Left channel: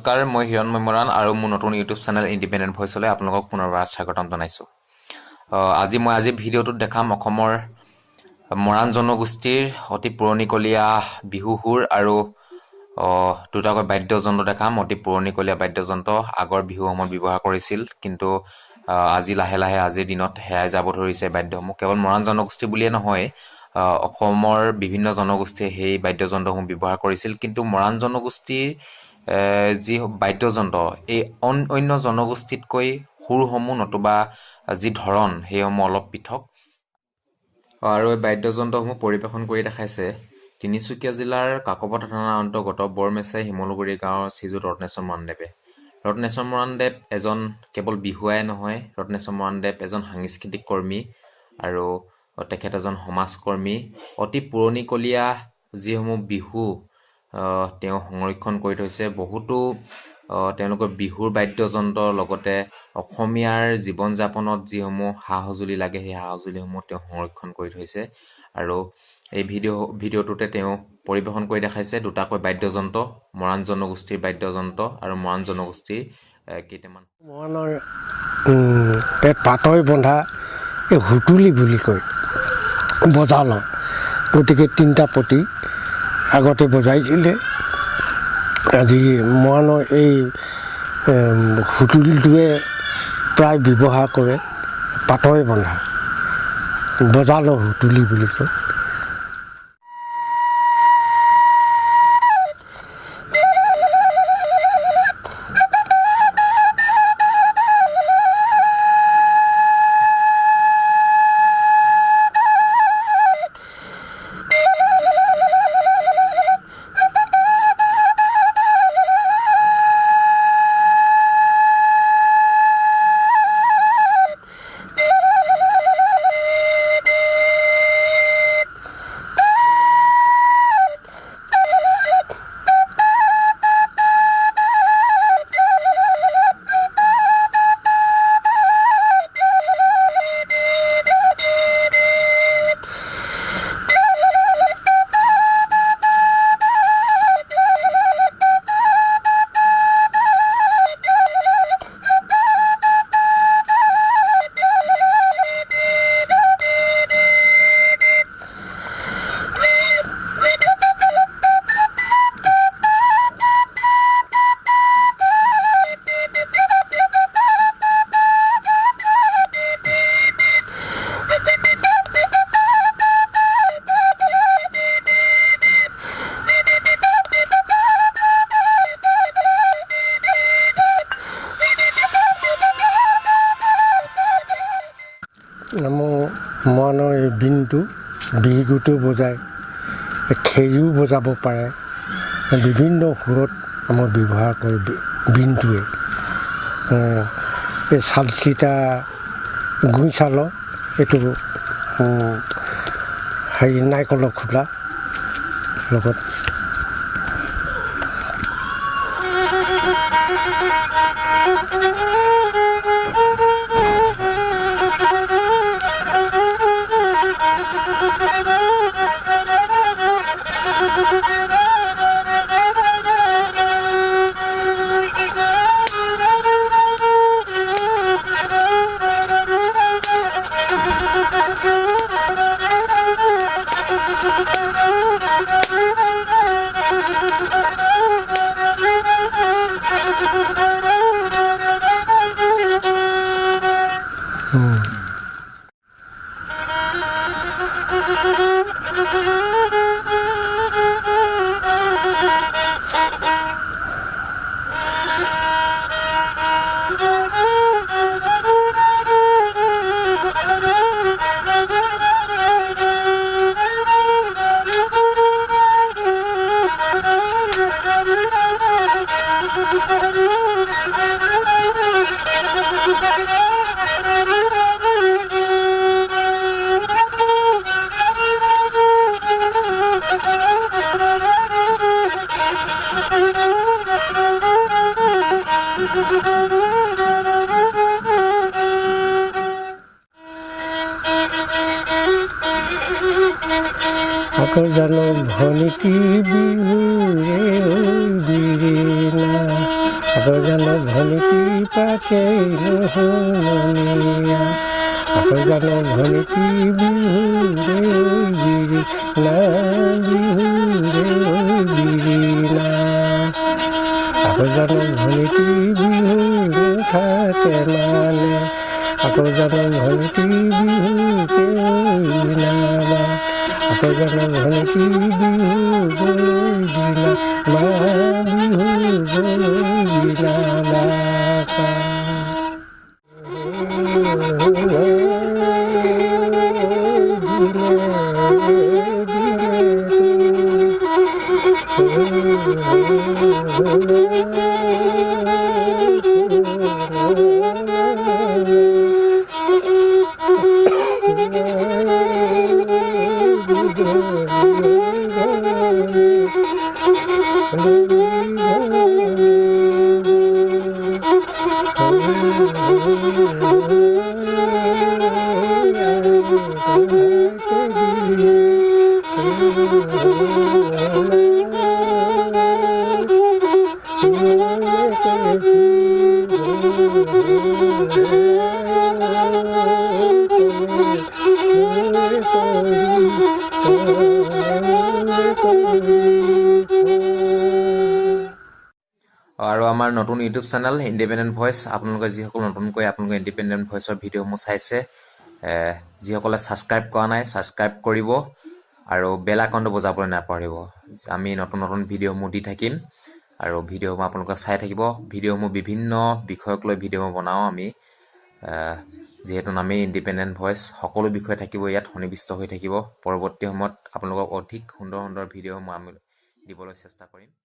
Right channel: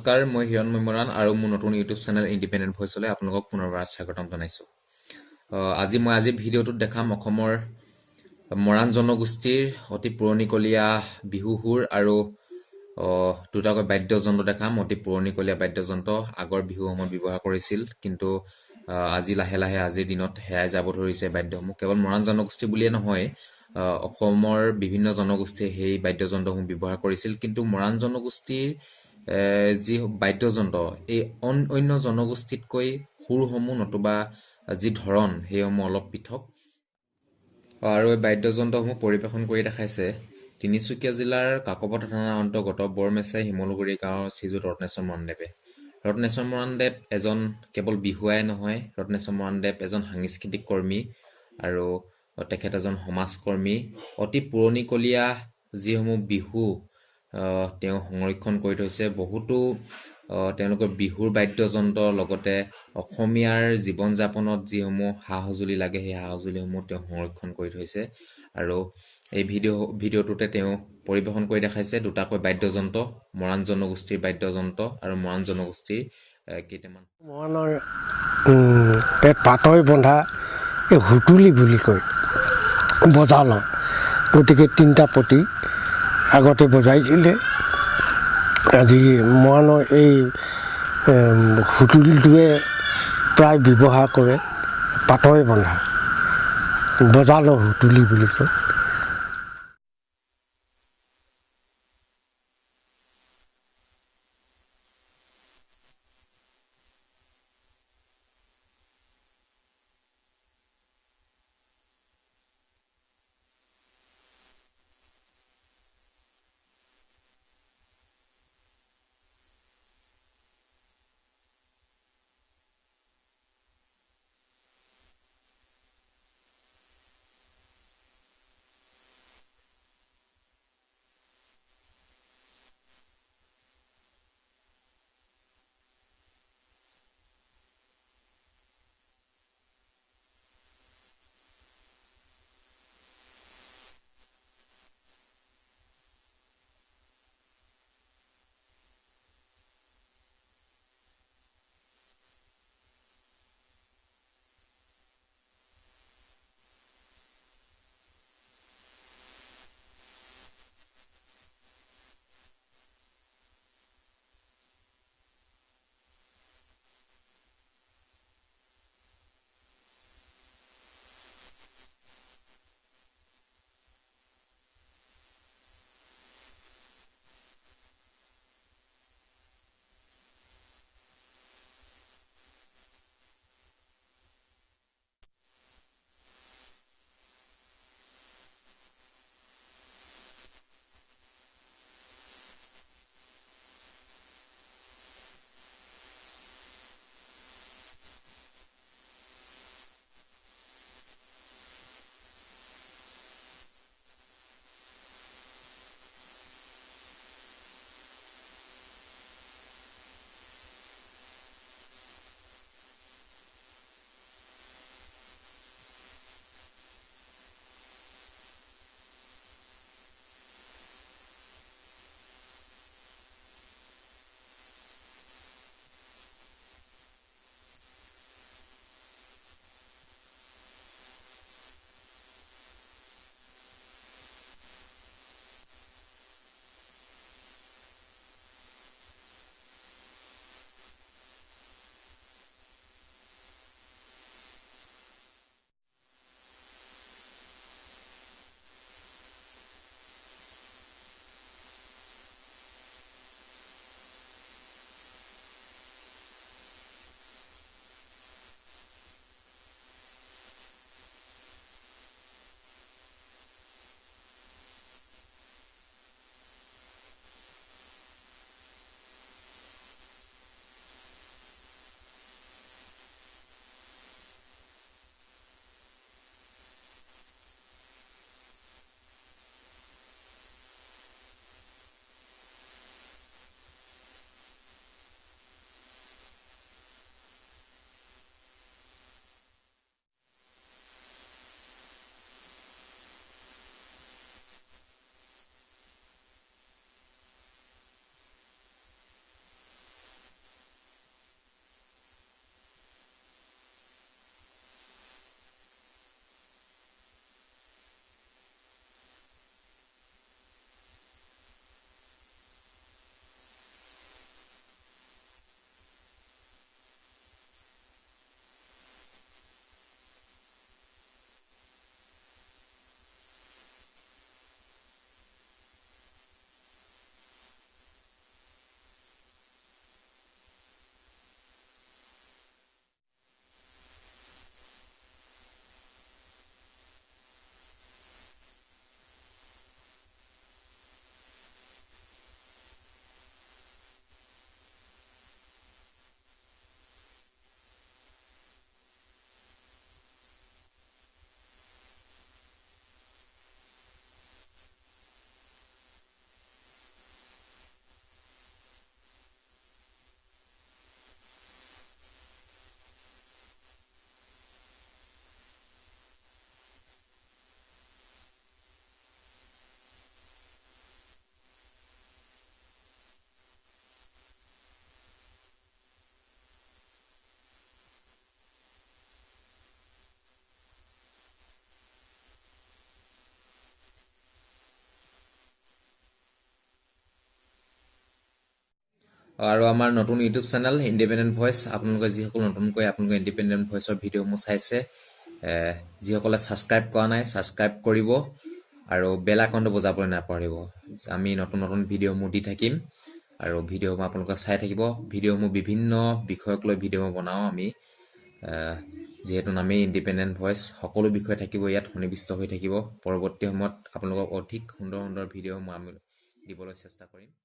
নমস্কাৰ, মই হিৰণময় মৰাণ আৰু মোৰ নতুন ইউটিউব চেনেল ইণ্ডিপেণ্ডেণ্ট ভইচলৈ আপোনালোকক পুনৰবাৰ স্বাগতম জনাইছোঁ। আজি ভিডিঅ'টোত দেখাম অসমৰ মৰাণ জনগোষ্ঠীৰ অতি পুৰণিকলীয়া বিহু সুৰ আৰু দুটাকৈ বাদ্যযন্ত্ৰ দেখাম। অতি পুৰণিকলীয়া বাদ্যযন্ত্ৰ আগৰ বিহুসমূহত ব্যৱহাৰ কৰিছিল, কিন্তু আজি লাহে লাহে আজিৰ দিনত হেৰাই যাব ধৰিছে বাদ্যসমূহ। কেৱল মৰাণ জনগোষ্ঠী বুলিয়ে নহয়, অসমৰ বিভিন্ন জনগোষ্ঠীয়ে সেই বাদ্যযন্ত্ৰসমূহ ব্যৱহাৰ কৰিছিল, কিন্তু মৰাণ জনগোষ্ঠীৰ যি বাদ্যযন্ত্ৰ এই অন্য জনগোষ্ঠীতকৈ সুৰসমূহ নতুবা যি ধৰণ সেইসমূহ অলপ পৃথক। আৰু এই বাদ্যযন্ত্ৰসমূহ পৰিৱেশন কৰি দেখাইছে তিনিচুকীয়া জিলাৰ কাকপথাৰ থানাৰ অন্তৰ্গত বৰমেচাই শিমলুগুৰি গাঁৱৰ শ্ৰীযুত ৰত্নেশ্বৰ মৰাণদেৱে। ৰত্নেশ্বৰ মৰাণদেৱ এজন কেৱল বিহুৱাই নহয়, ৰত্নেশ্বৰ মৰাণদেৱ এজন সাংস্কৃতিক কৰ্মী আৰু তেখেত এজন সমাজকৰ্মী। অতি পুৰণিকলীয়া যিসমূহ বিহু তেওঁ সংৰক্ষণ কৰি থৈছে। বহুতো তেওঁলোকৰ বিহুৰ বাদ্যযন্ত্ৰৰ লগতে অসমীয়াৰ জীৱন যাপনত যিসমূহ সা সঁজুলি লাগে সেই সা সঁজুলিসমূহ তেওঁ সংৰক্ষণ কৰি থৈছে। আৰু এই ভিডিঅ'টোতে তেওঁ পৰিৱেশন কৰি দেখাইছে দুটাকৈ বাদ্যযন্ত্ৰ, মৰাণ জনগোষ্ঠীৰ বাদ্যযন্ত্ৰ আৰু মৰাণ জনগোষ্ঠীৰ কেইটামান মৰাণৰ পাতই বন্ধা এই হুতুলি বুলি কয় বজালৰ। গতিকে তিনিটা পতি আগতে বজাইছিলে। আজি মৰাণৰ এই হুতুলিটোৱে প্ৰায় ব্যৱহাৰ কৰে। পাতই বন্ধা বজালৰ হুতুলি বুলি কয়। মৰাণৰ এই বিনটো বিহুটো বজায়, খেৰিও বজাব পাৰে। বিভিন্ন সুৰত আমাৰ ব্যৱহাৰ কৰে বিনটোৱে। এই চালচিতা গুই চালৰ এইটো হেৰি নাৰিকলৰ খোলা লগত আকৌ জানো ভনিকি বিহুৰে বিৰিণা আকৌ জানো ভনিটি পাতে নুশুনিয়া আকৌ জানো ভনিটি বিহুৰে বিৰি না বিহুৰে বিৰি না আকৌ জানো ভনিটি বিহু নুঠাতে মানে আকৌ জানো ভনিটি বিহুকে নামা আকৌ জানো ভনিটি বিহু গলৈ দিনা মা বিহু গলৈ দিনা মাতা আৰু আমাৰ নতুন ইউটিউব চেনেল ইণ্ডিপেণ্ডেণ্ট ভইচ আপোনালোকে যিসকল নতুনকৈ আপোনালোকে ইণ্ডিপেণ্ডেণ্ট ভইচৰ ভিডিঅ'সমূহ চাইছে যিসকলে ছাবস্ক্ৰাইব কৰা নাই ছাবস্ক্ৰাইব কৰিব আৰু বেল আইকনটো বজাবলৈ নাপাহৰিব আমি নতুন নতুন ভিডিঅ'সমূহ দি থাকিম আৰু ভিডিঅ'সমূহ আপোনালোকে চাই থাকিব ভিডিঅ'সমূহ বিভিন্ন বিষয়ক লৈ ভিডিঅ'সমূহ বনাওঁ আমি যিহেতু নামেই ইণ্ডিপেণ্ডেণ্ট ভইচ সকলো বিষয় থাকিব ইয়াত সন্নিৱিষ্ট হৈ থাকিব পৰৱৰ্তী সময়ত আপোনালোকক অধিক সুন্দৰ সুন্দৰ ভিডিঅ'সমূহ আমি দিবলৈ চেষ্টা কৰিম